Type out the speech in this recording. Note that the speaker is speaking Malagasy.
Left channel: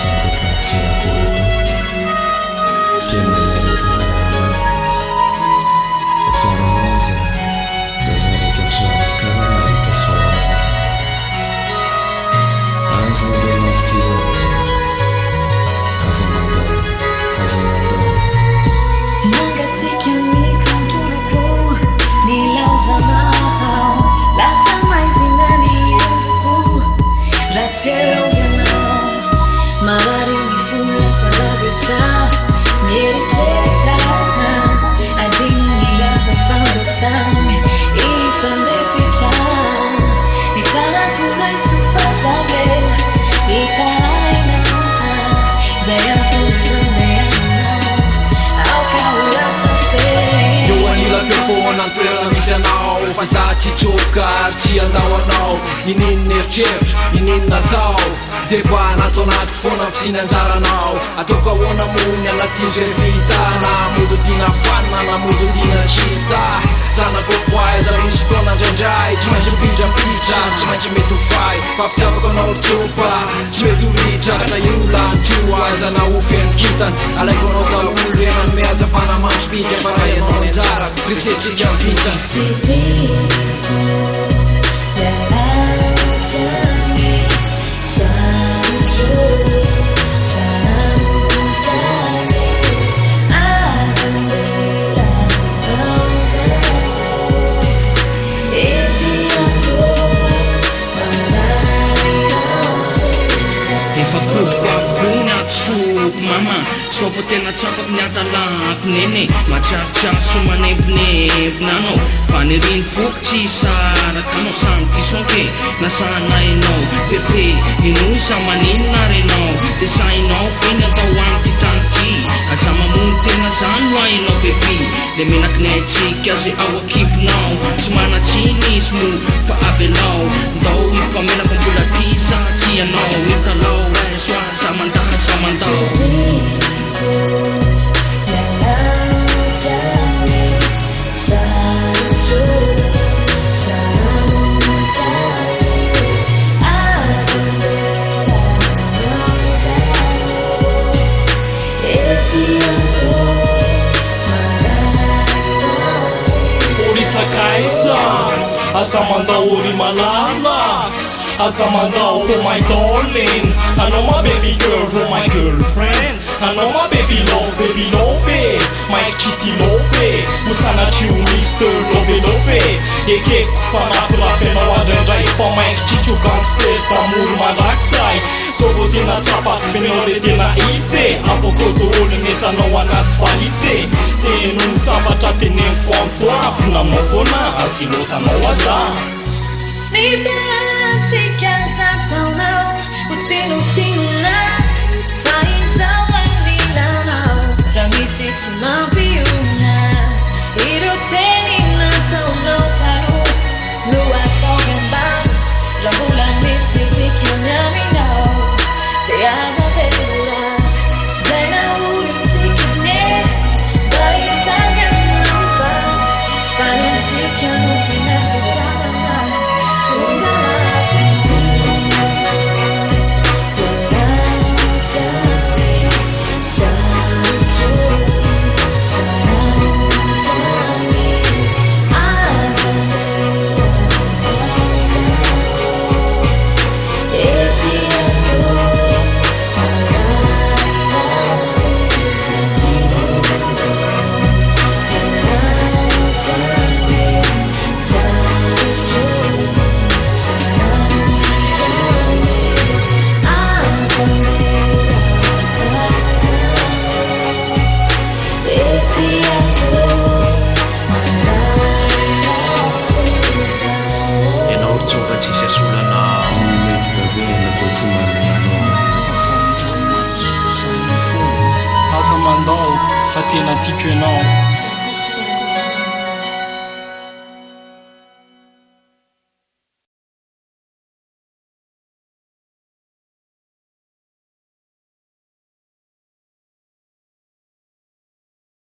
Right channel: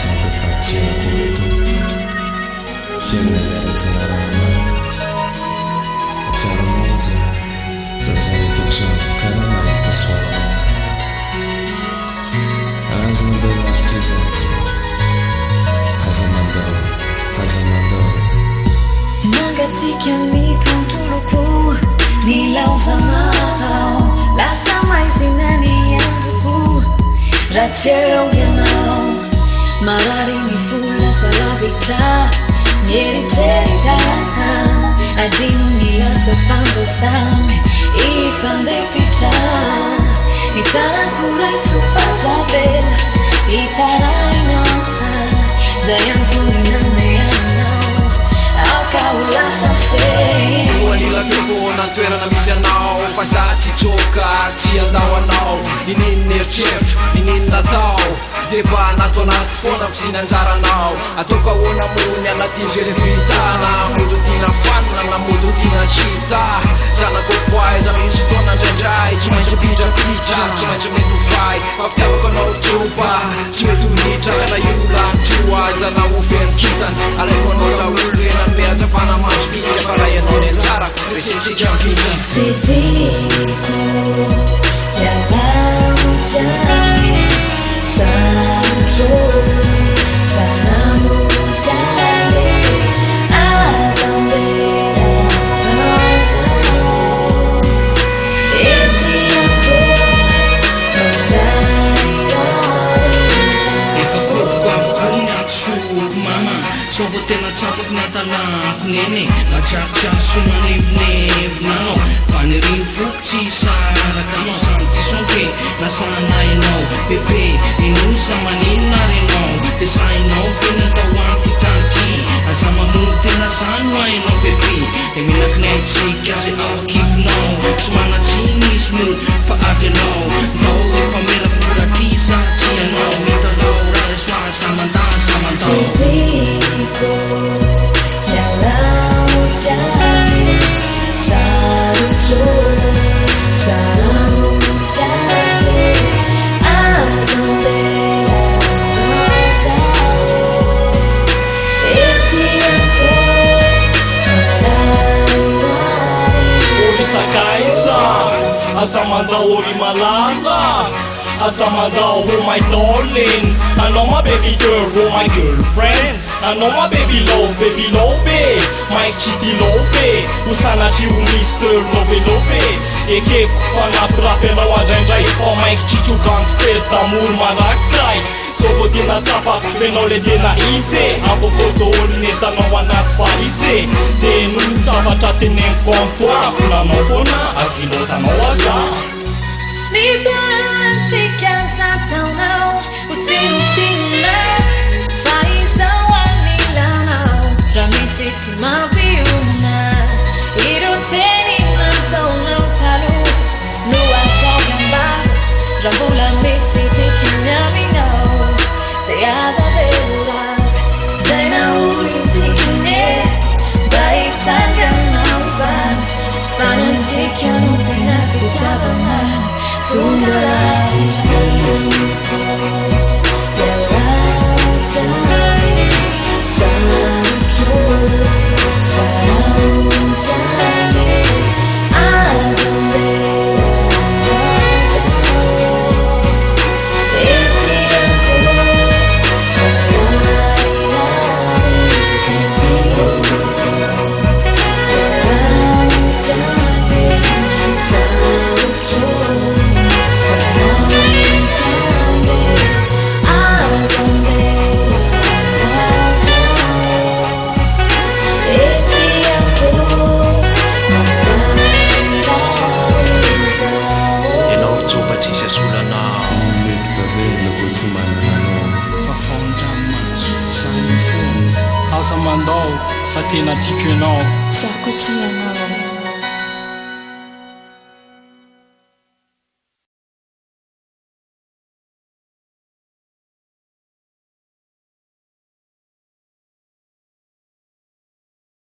sampai baca aku itu Fianna yaretina rama Atsara monza Zazareka antrano karaha mahita soanao Aza mandeha lavitra izatsy Aza mandao Nangatsika ny tontoloko Ny laozanao Lasa maizina ny androko Raha tsy eo ianao Marary ny vola salavitra Ny eritreritra Adino ny lasa fandosamy Ifandefitra Ny tanako ray sofazavela Itarainao Zay antony nandehanao Aoka ho lasa se Lohan'ila mikrofona ny toerana misy anao Fa za tsy tsoka ary tsy andao anao Ninino eritreritro, ninino natao Deba natao anaty foana ny fisinanjaranao Ataoko ahoana mony anatin'izay revitana Modo dina fanina na modo dina sita Zanako foaiza misy fotoana indraindray Tsy maintsy pitrapitra, tsy maintsy mety ho fay Fa fitiavako anao tsopa, tsy mety ho ritra Ka na iola ny tro aiza na ho feno kitany Alaiko anao daholo renany mihazafana mandro-pika Fa raha ianao ny anjarako, resetsika mivintany Tsy tiako ialao tiany Sarotro saramontsany Azambela naozao Etiako mararirarisa Efa kopoko avoko ny atoso mama Sao vao tena tsapako ny atalako nene Matsiarotsiaro somanebonebona anao Fa ny riny foko tsy saraka anao Samy tisonke na sanainao Bebe ino isa maninona renao De sainao feny atao amty tany ty Aza mamono tena zany ho ainao bebe De menaky ny aitsika zay ao akipinao Tsy manatsiny izy mo fa avelao Ndao ifamelaka mbola ty sa tsy anao Mitalao ray soa zamandao Tiako ialao tiany Sarotro saramontsany Azambela naozao Etiako mararirarisa Ori sakaiza Asa mandao ori malala Asa mandao oh my darling I know my baby girl, oh my girlfriend I know my baby love it My kitty love it Usanatry o Mr. Love it Ekeko fanampirafenao andraindray Fa maiky kitro gangster tamoro malakisay So vao tena tsapako fenao le tena isy Afaka daholo nentanao anaty valise De noho zavatra teneniko amtoa Finaminao foana azilozanao aza Ny fialantsika zataonao Ho tsinotsinona Fa izao anilanao Raha misy tsy mampionona Ireo teny nataonao taloha No ataoko ambava Raha mbola misy tikany aminao De aza velorava Zay nahorintikany Mba hitsanganao vato Fa ny antsika no tena fitiavana Tonga laty tiako ialao tiany Sarotro saramontsany Azambela naozao Etiako mararirarisa Ialao tiany Sarotro saramontsany Azambela naozao Etiako mararirarisa Ianao ry tsoba tsisy asolanao Mety tavela koa tsy manana anao Fa faondramaso samy fono Asa mandao fa tena tiako ianao Zako tianao